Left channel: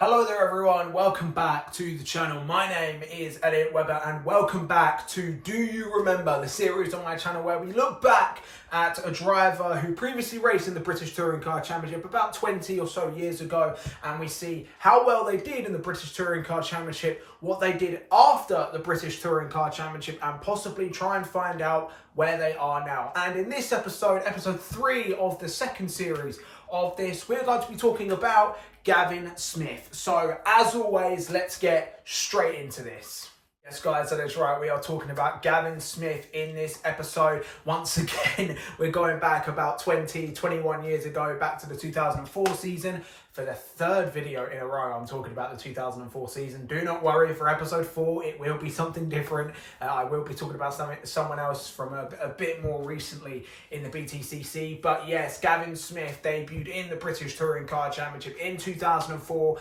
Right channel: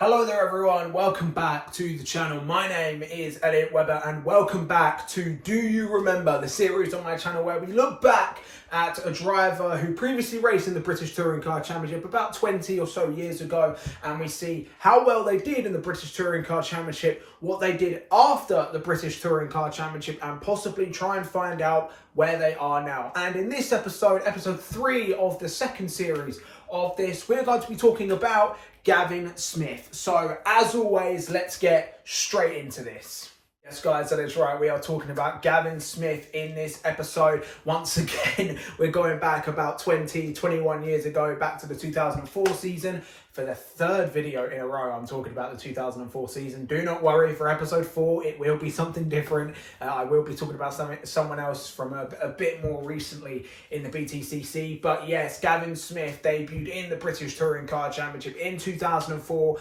Hello there everyone, welcome back to the channel. My name is Elliot Webber and welcome back to Do You Remember, the series on my channel where we look back at a driver who previously raced in the British Touring Car Championship about 20 or so years ago, and we see how well they did in the British Touring Car Championship, what they did after the British Touring Car Championship, and possibly try and find out where they are now. And in this episode, episode 3 of the second series of this, we're going to be talking about Gavin Smith. So as always, let's get straight into this. Yes guys, that is right, we are talking about Gavin Smith in this episode. Once again, we're going back about 21 years ago, back to the 2004 season. For the third video in a row, I'm talking about the 2004 season. Do not worry, for episode 4, it will be something different. I will be talking about someone else from a bit more recently in the BTCC. But yes, Gavin Smith debuted in the British Touring Car Championship in 2004.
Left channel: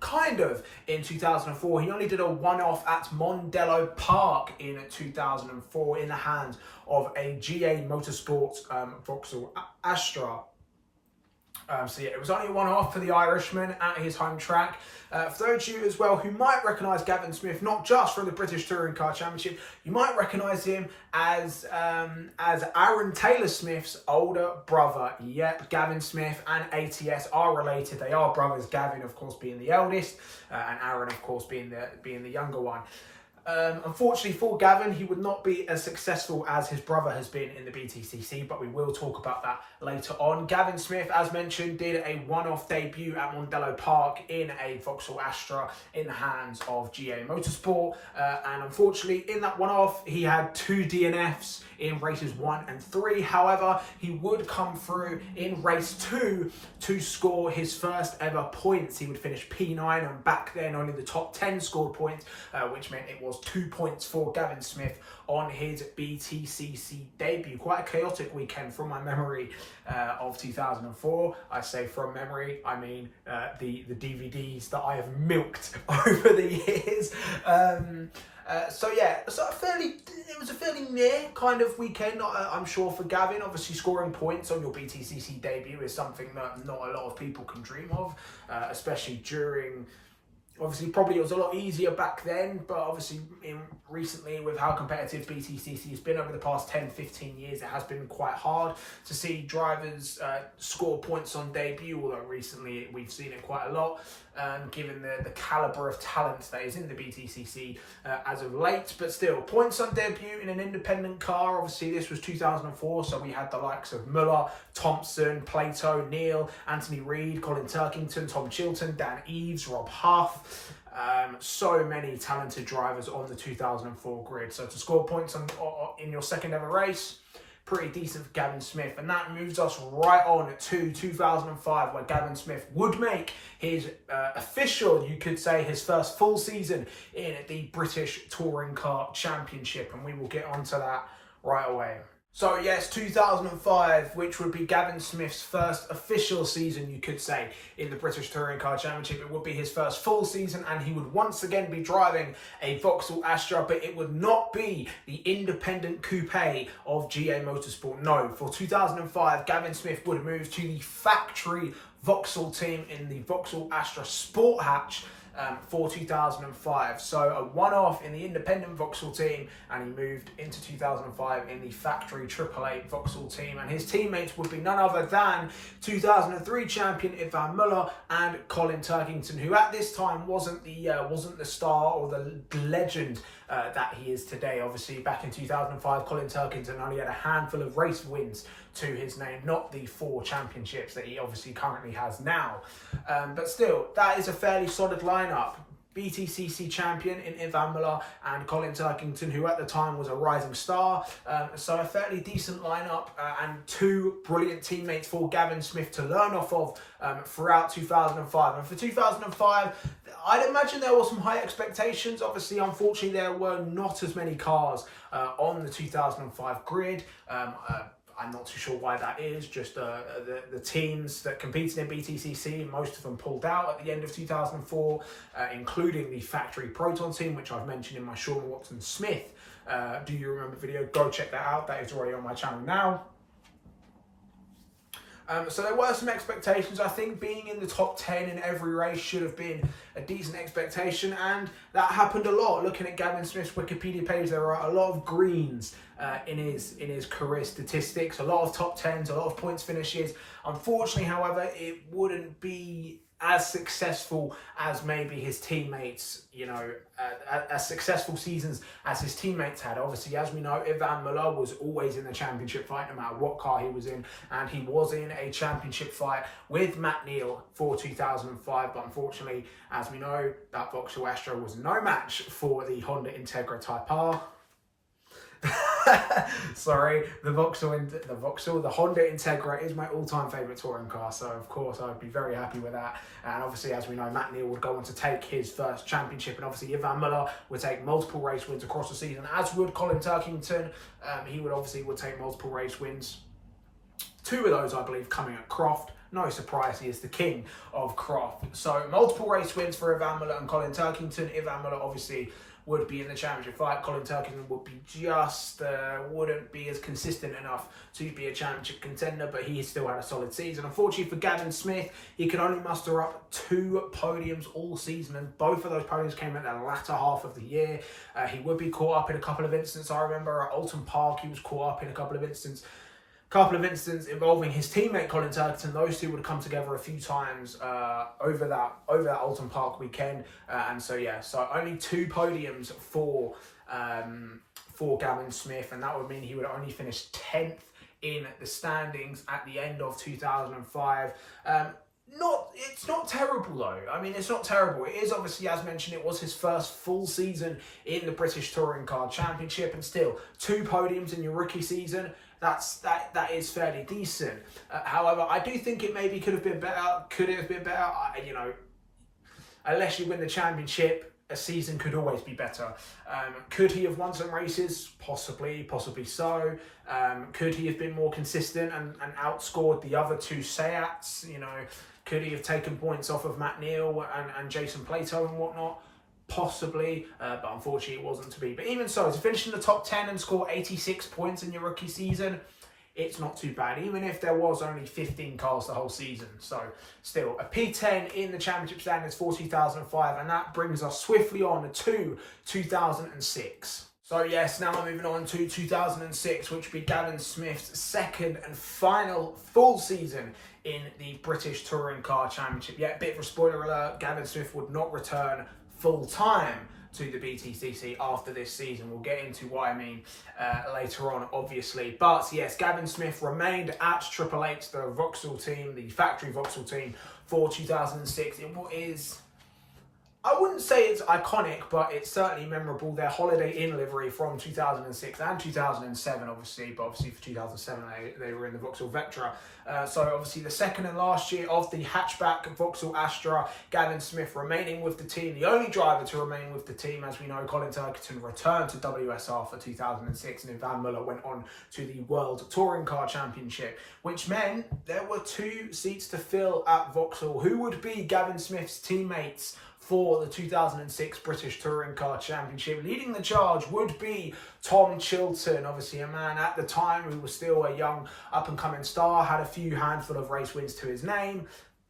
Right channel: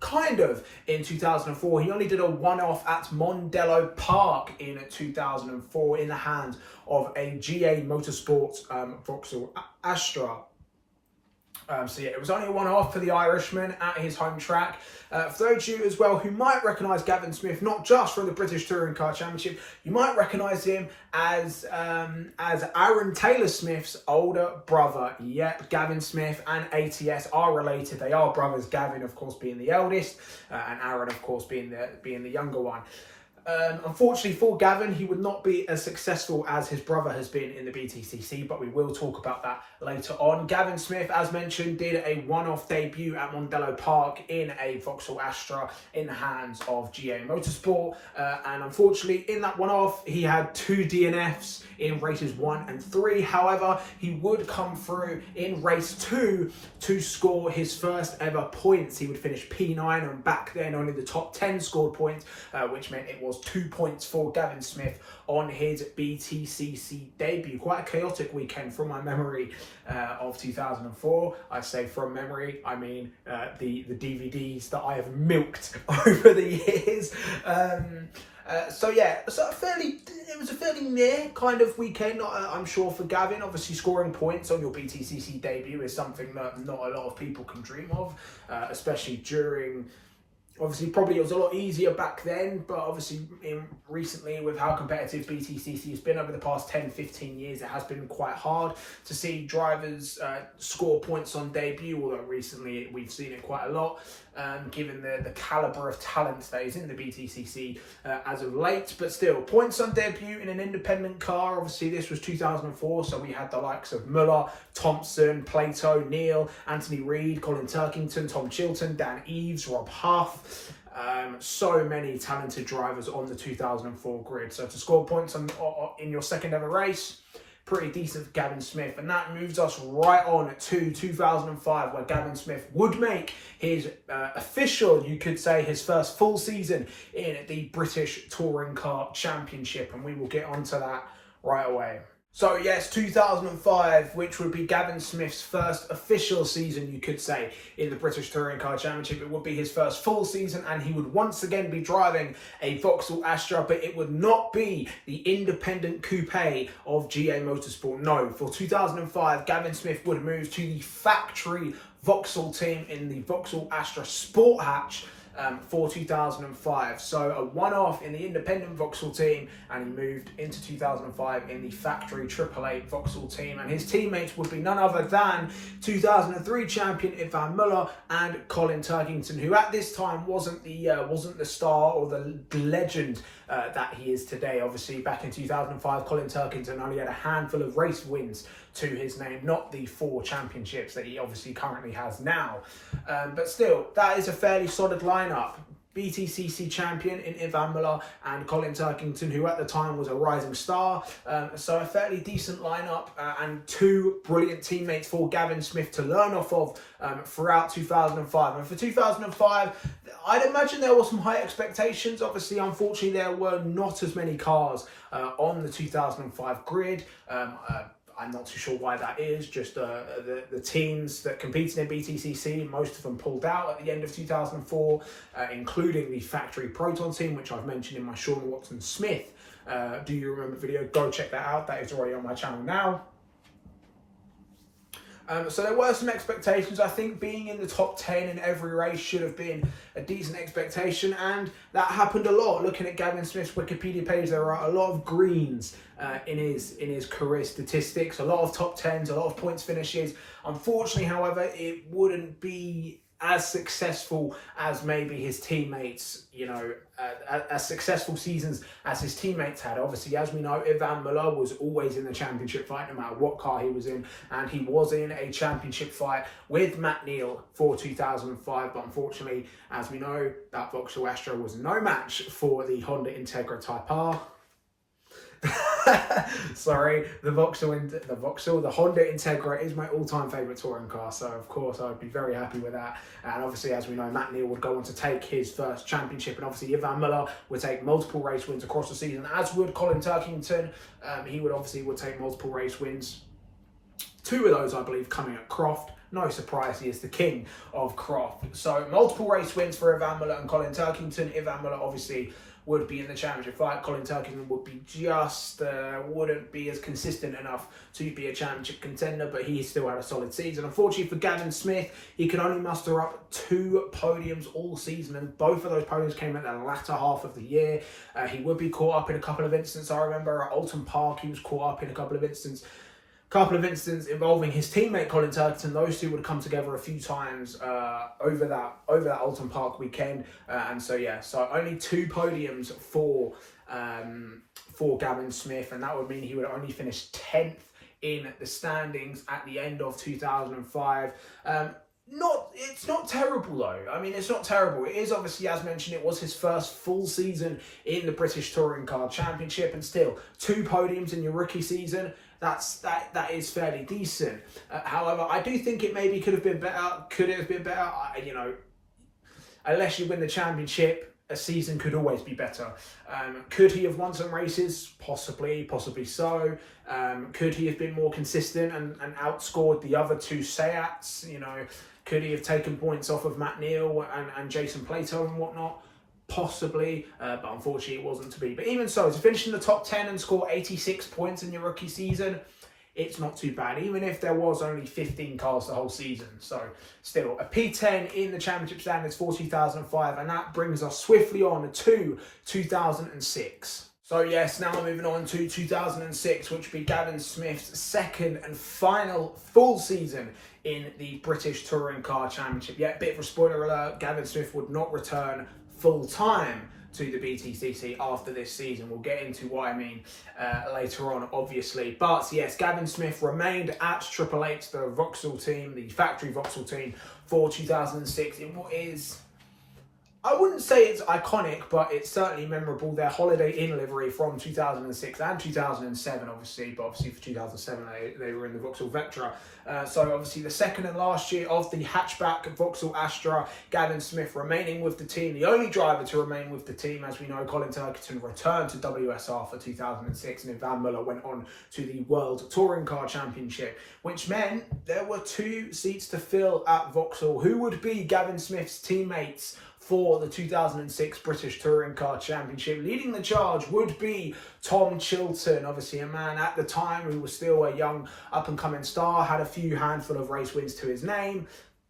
Kind of in 2004. He only did a one-off at Mondello Park in 2004 in the hands of a GA Motorsport Vauxhall Astra. So yeah, it was only a one-off for the Irishman at his home track. For those of you as well who might recognise Gavin Smith, not just from the British Touring Car Championship, you might recognise him as Aaron Taylor Smith's older brother. Yep, Gavin Smith and ATS are related. They are brothers. Gavin, of course, being the eldest, and Aaron, of course, being the younger one. Unfortunately for Gavin, he would not be as successful as his brother has been in the BTCC, but we will talk about that later on. Gavin Smith, as mentioned, did a one-off debut at Mondello Park in a Vauxhall Astra in the hands of GA Motorsport, and unfortunately in that one-off he had 2 DNFs in races 1 and 3. However, he would come through in race 2 to score his first ever points. He would finish P9, and back then only the top 10 scored points, which meant it was 2 points for Gavin Smith on his BTCC debut. Quite a chaotic weekend from my memory of 2004. I say from memory, I mean the DVDs that I have milked over the years. So yeah, it was a fairly near kind of weekend, I'm sure, for Gavin. Obviously, scoring points on your BTCC debut is something that not a lot of people can dream of, especially during. Obviously, probably it was a lot easier back then, but obviously recently with how competitive BTCC has been over the past 10-15 years, it has been quite hard to see drivers score points on debut, although recently we've seen it quite a lot, given the calibre of talent that is in the BTCC as of late. But still, points on debut in an independent car. Obviously, this was 2004, so we had the likes of Muller, Thompson, Plato, Neal, Anthony Reid, Colin Turkington, Tom Chilton, Dan Eves, Rob Huff. So many talented drivers on the 2004 grid. So to score points in your second ever race, pretty decent for Gavin Smith. And that moves us right on to 2005, where Gavin Smith would make his official, you could say, his first full season in the British Touring Car Championship. And we will get onto that right away. So yes, 2005, which would be Gavin Smith's first official season, you could say, in the British Touring Car Championship. It would be his first full season, and he would once again be driving a Vauxhall Astra, but it would not be the independent coupe of GA Motorsport. No, for 2005, Gavin Smith would move to the factory Vauxhall team in the Vauxhall Astra Sport Hatch for 2005. So a one-off in the independent Vauxhall team, and he moved into 2005 in the factory AAA Vauxhall team, and his teammates would be none other than 2003 champion Ivan Muller and Colin Turkington, who at this time wasn't the star or the legend that he is today. Obviously, back in 2005, Colin Turkington only had a handful of race wins to his name, not the 4 championships that he obviously currently has now. But still, that is a fairly solid lineup. BTCC champion in Ivan Muller and Colin Turkington, who at the time was a rising star. So a fairly decent lineup and 2 brilliant teammates for Gavin Smith to learn off of throughout 2005. And for 2005, I'd imagine there were some high expectations. Obviously, unfortunately, there were not as many cars on the 2005 grid. I'm not too sure why that is. Just the teams that competed in BTCC, most of them pulled out at the end of 2004, including the factory Proton team, which I've mentioned in my Sean Watson Smith Do You Remember video. Go check that out. That is already on my channel now. So there were some expectations. I think being in the top 10 in every race should have been a decent expectation, and that happened a lot. Looking at Gavin Smith's Wikipedia page, there are a lot of greens in his career statistics, a lot of top 10s, a lot of points finishes. Unfortunately, however, it wouldn't be as successful as maybe his teammates, as successful seasons as his teammates had. Obviously, as we know, Ivan Muller was always in the championship fight, no matter what car he was in, and he was in a championship fight with Matt Neal for 2005, but unfortunately, as we know, that Vauxhall Astra was no match for the Honda Integra Type R. Sorry, the Honda Integra is my all-time favourite touring car, so of course I'd be very happy with that. And obviously, as we know, Matt Neal would go on to take his first championship, and obviously Ivan Muller would take multiple race wins across the season, as would Colin Turkington. He would take multiple race wins. 2 of those, I believe, coming at Croft. No surprise, he is the king of Croft. So multiple race wins for Ivan Muller and Colin Turkington. Ivan Muller obviously would be in the championship fight. Colin Turkington would be wouldn't be as consistent enough to be a championship contender, but he still had a solid season. Unfortunately for Gavin Smith, he could only muster up 2 podiums all season, and both of those podiums came at the latter half of the year. He would be caught up in a couple of incidents. I remember at Alton Park, he was caught up in a couple of incidents involving his teammate Colin Turkington. Those two would come together a few times over that Alton Park weekend, and so only 2 podiums for Gavin Smith, and that would mean he would only finish 10th in the standings at the end of 2005. It's not terrible though. I mean, it's not terrible. It is obviously, as mentioned, it was his first full season in the British Touring Car Championship, and still 2 podiums in your rookie season. That is fairly decent. However, I do think it maybe could have been better. Could it have been better? Unless you win the championship, a season could always be better. Could he have won some races? Possibly so. Could he have been more consistent and outscored the other 2 Seats? Could he have taken points off of Matt Neal and Jason Plato and whatnot? Possibly, but unfortunately it wasn't to be. But even so, to finish in the top 10 and score 86 points in your rookie season, it's not too bad, even if there was only 15 cars the whole season. So still, a P10 in the championship standings for 2005, and that brings us swiftly on to 2006. So yes, now we're moving on to 2006, which would be Gavin Smith's second and final full season in the British Touring Car Championship. Yeah, bit of a spoiler alert, Gavin Smith would not return full-time to the BTCC after this season. We'll get into what I mean later on, obviously. But yes, Gavin Smith remained at Triple Eight, the Vauxhall team, the factory Vauxhall team, for 2006. It is, I wouldn't say it's iconic, but it's certainly memorable. Their Holiday Inn livery from 2006 and 2007, obviously, but obviously for 2007 they were in the Vauxhall Vectra. So obviously the second and last year of the hatchback Vauxhall Astra, Gavin Smith remaining with the team, the only driver to remain with the team. As we know, Colin Turkington returned to WSR for 2006, and Ivan Muller went on to the World Touring Car Championship, which meant there were 2 seats to fill at Vauxhall. Who would be Gavin Smith's teammates for the 2006 British Touring Car Championship? Leading the charge would be Tom Chilton, obviously a man at the time who was still a young up-and-coming star, had a few handful of race wins to his name,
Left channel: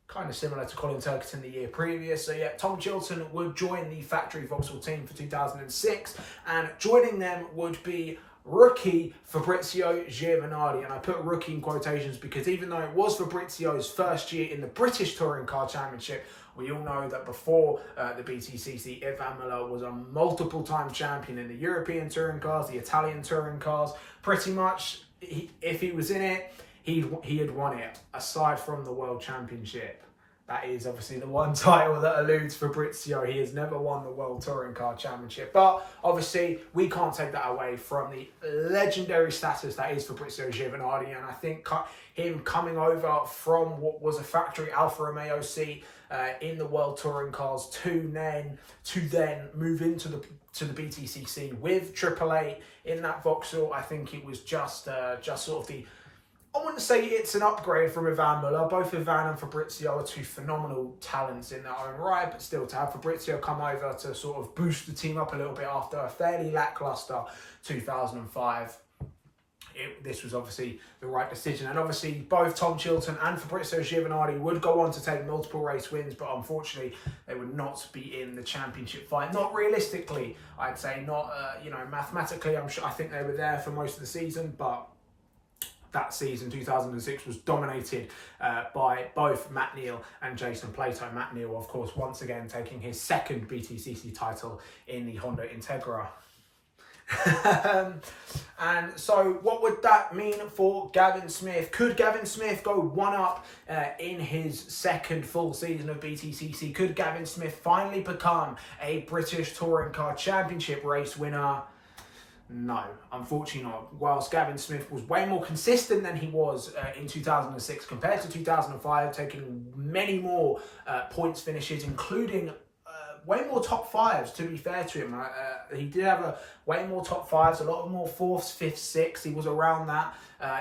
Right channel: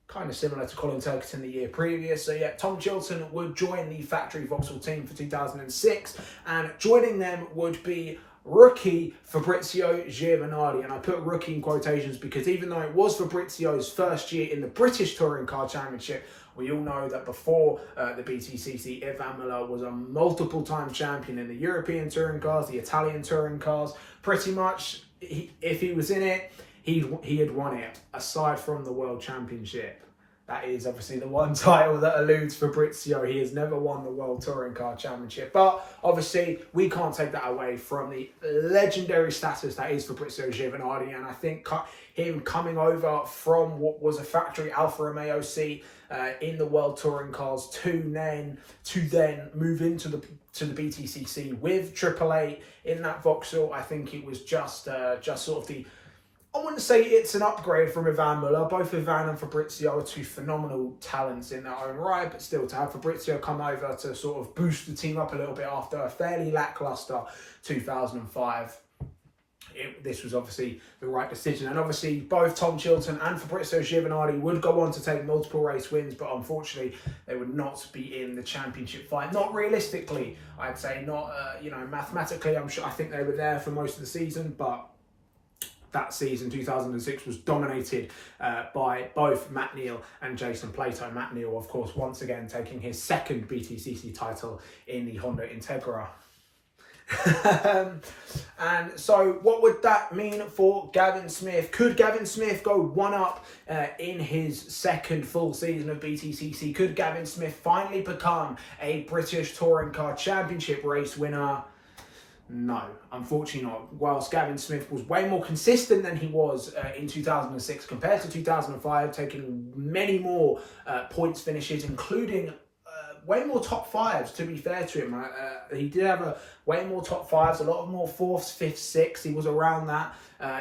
kind of similar to Colin Turkington the year previous. So yeah, Tom Chilton would join the factory Vauxhall team for 2006, and joining them would be rookie Fabrizio Giovanardi. And I put rookie in quotations because even though it was Fabrizio's first year in the British Touring Car Championship, we all know that before the BTCC, Ivan Muller was a multiple-time champion in the European touring cars, the Italian touring cars. Pretty much, if he was in it, he had won it, aside from the World Championship. That is obviously the one title that eludes Fabrizio. He has never won the World Touring Car Championship. But obviously, we can't take that away from the legendary status that is Fabrizio Giovanardi. And I think him coming over from what was a factory Alfa Romeo seat in the World Touring Cars to then move into the BTCC with Triple Eight in that Vauxhall, I think it was just sort of the, I wouldn't say it's an upgrade from Ivan Muller. Both Ivan and Fabrizio are 2 phenomenal talents in their own right, but still to have Fabrizio come over to sort of boost the team up a little bit after a fairly lackluster 2005. this was obviously the right decision. And obviously both Tom Chilton and Fabrizio Giovanardi would go on to take multiple race wins, but unfortunately they would not be in the championship fight. Not realistically, I'd say, not mathematically. I think they were there for most of the season, but that season, 2006, was dominated by both Matt Neal and Jason Plato. Matt Neal, of course, once again taking his second BTCC title in the Honda Integra. And so what would that mean for Gavin Smith? Could Gavin Smith go one up in his second full season of BTCC? Could Gavin Smith finally become a British Touring Car Championship race winner? No, unfortunately not. Whilst Gavin Smith was way more consistent than he was in 2006 compared to 2005, taking many more points finishes, including way more top fives, to be fair to him. He did have way more top fives, a lot more fourths, fifths, sixths. He was around that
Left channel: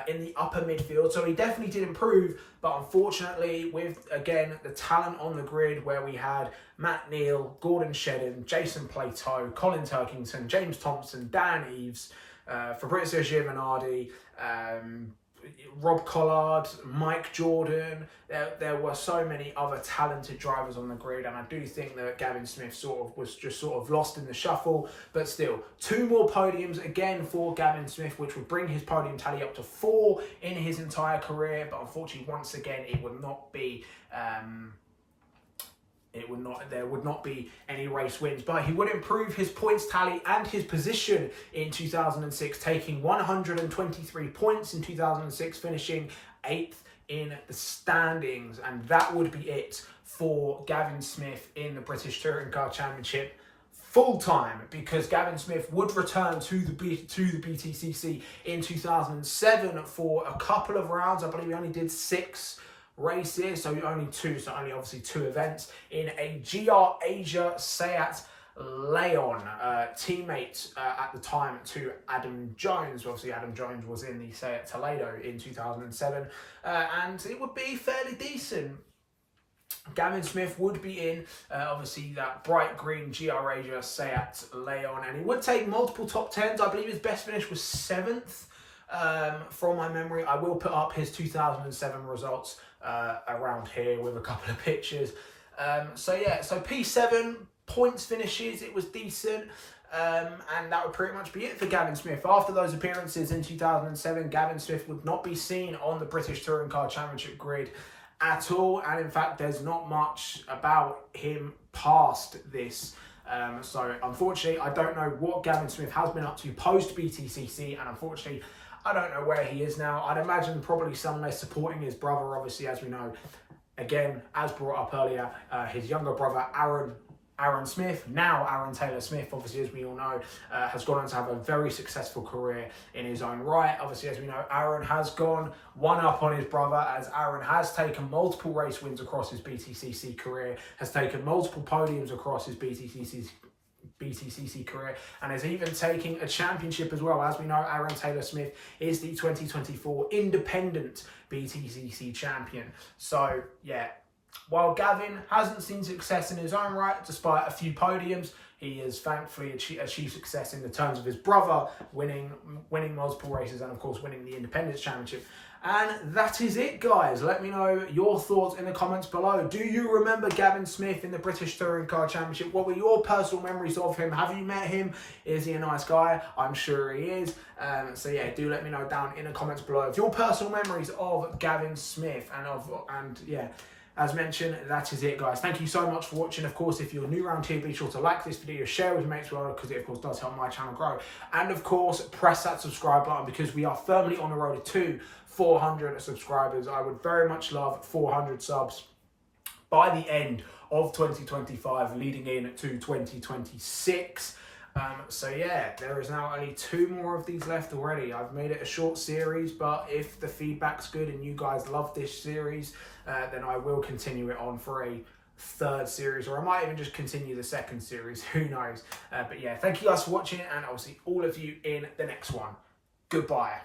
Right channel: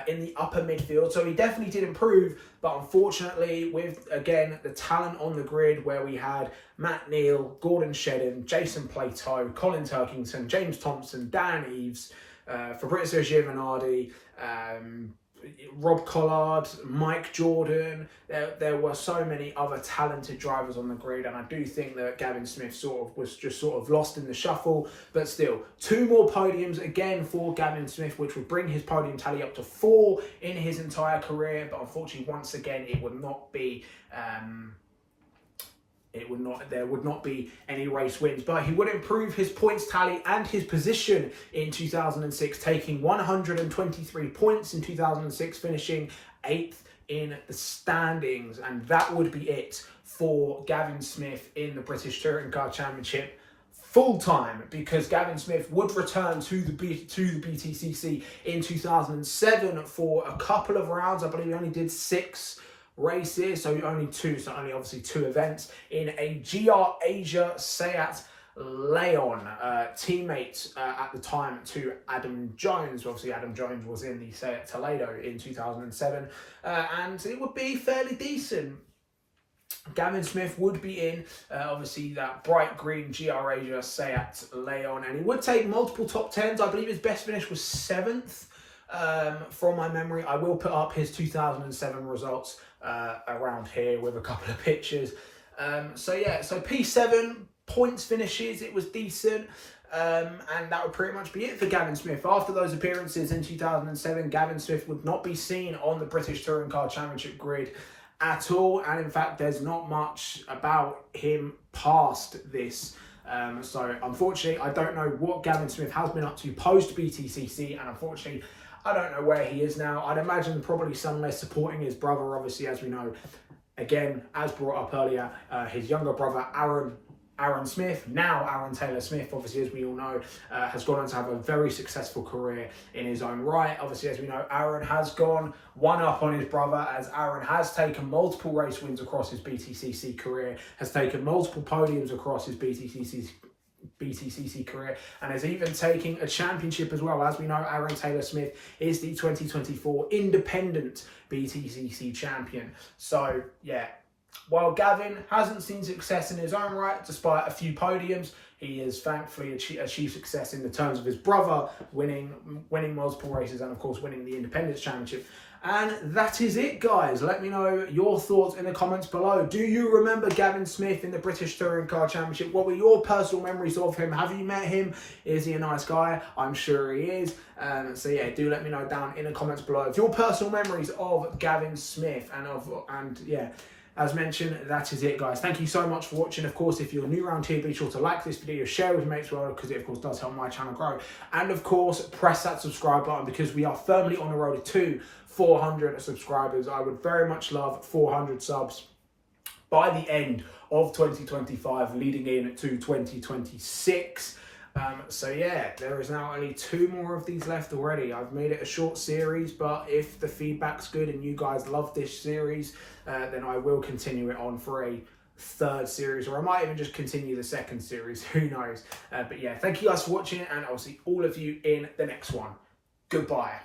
in the upper midfield. So he definitely did improve. But unfortunately, with, again, the talent on the grid where we had Matt Neal, Gordon Shedden, Jason Plato, Colin Turkington, James Thompson, Dan Eves, Fabrizio Giovanardi, Rob Collard, Mike Jordan, there were so many other talented drivers on the grid, and I do think that Gavin Smith was just lost in the shuffle. But still, 2 more podiums again for Gavin Smith, which would bring his podium tally up to 4 in his entire career. But unfortunately, once again, it would not be there would not be any race wins, but he would improve his points tally and his position in 2006, taking 123 points in 2006, finishing 8th in the standings. And that would be it for Gavin Smith in the British Touring Car Championship full time, because Gavin Smith would return to the BTCC in 2007 for a couple of rounds. I believe he only did 6 races, so only obviously 2 events in a GR Asia Seat Leon, teammate at the time to Adam Jones. Obviously Adam Jones was in the Seat Toledo in 2007, and it would be fairly decent. Gavin Smith would be in, obviously, that bright green GR Asia Seat Leon, and he would take multiple top 10s. I believe his best finish was 7th. From my memory. I will put up his 2007 results around here with a couple of pictures. So P7 points finishes, it was decent. And that would pretty much be it for Gavin Smith. After those appearances in 2007, Gavin Smith would not be seen on the British Touring Car Championship grid at all. And in fact, there's not much about him past this. So unfortunately, I don't know what Gavin Smith has been up to post BTCC, and unfortunately, I don't know where he is now. I'd imagine probably somewhere supporting his brother, obviously, as we know. Again, as brought up earlier, his younger brother, Aaron Smith, now Aaron Taylor Smith, obviously, as we all know, has gone on to have a very successful career in his own right. Obviously, as we know, Aaron has gone one up on his brother, as Aaron has taken multiple race wins across his BTCC career, has taken multiple podiums across his BTCC career, and is even taking a championship as well. As we know, Aaron Taylor Smith is the 2024 independent BTCC champion. So yeah, while Gavin hasn't seen success in his own right, despite a few podiums, he has thankfully achieved success in the terms of his brother winning multiple races and of course winning the Independence Championship. And that is it, guys. Let me know your thoughts in the comments below. Do you remember Gavin Smith in the British Touring Car Championship? What were your personal memories of him? Have you met him? Is he a nice guy? I'm sure he is. So yeah, do let me know down in the comments below of your personal memories of Gavin Smith. And yeah, as mentioned, that is it, guys. Thank you so much for watching. Of course, if you're new around here, be sure to like this video, share with your mates as well, because it of course does help my channel grow. And of course, press that subscribe button, because we are firmly on the road to 400 subscribers. I would very much love 400 subs by the end of 2025, leading in to 2026. So yeah, there is now only 2 more of these left already. I've made it a short series, but if the feedback's good and you guys love this series, then I will continue it on for a 3rd series, or I might even just continue the 2nd series, who knows. But yeah, thank you guys for watching, and I'll see all of you in the next one. Goodbye.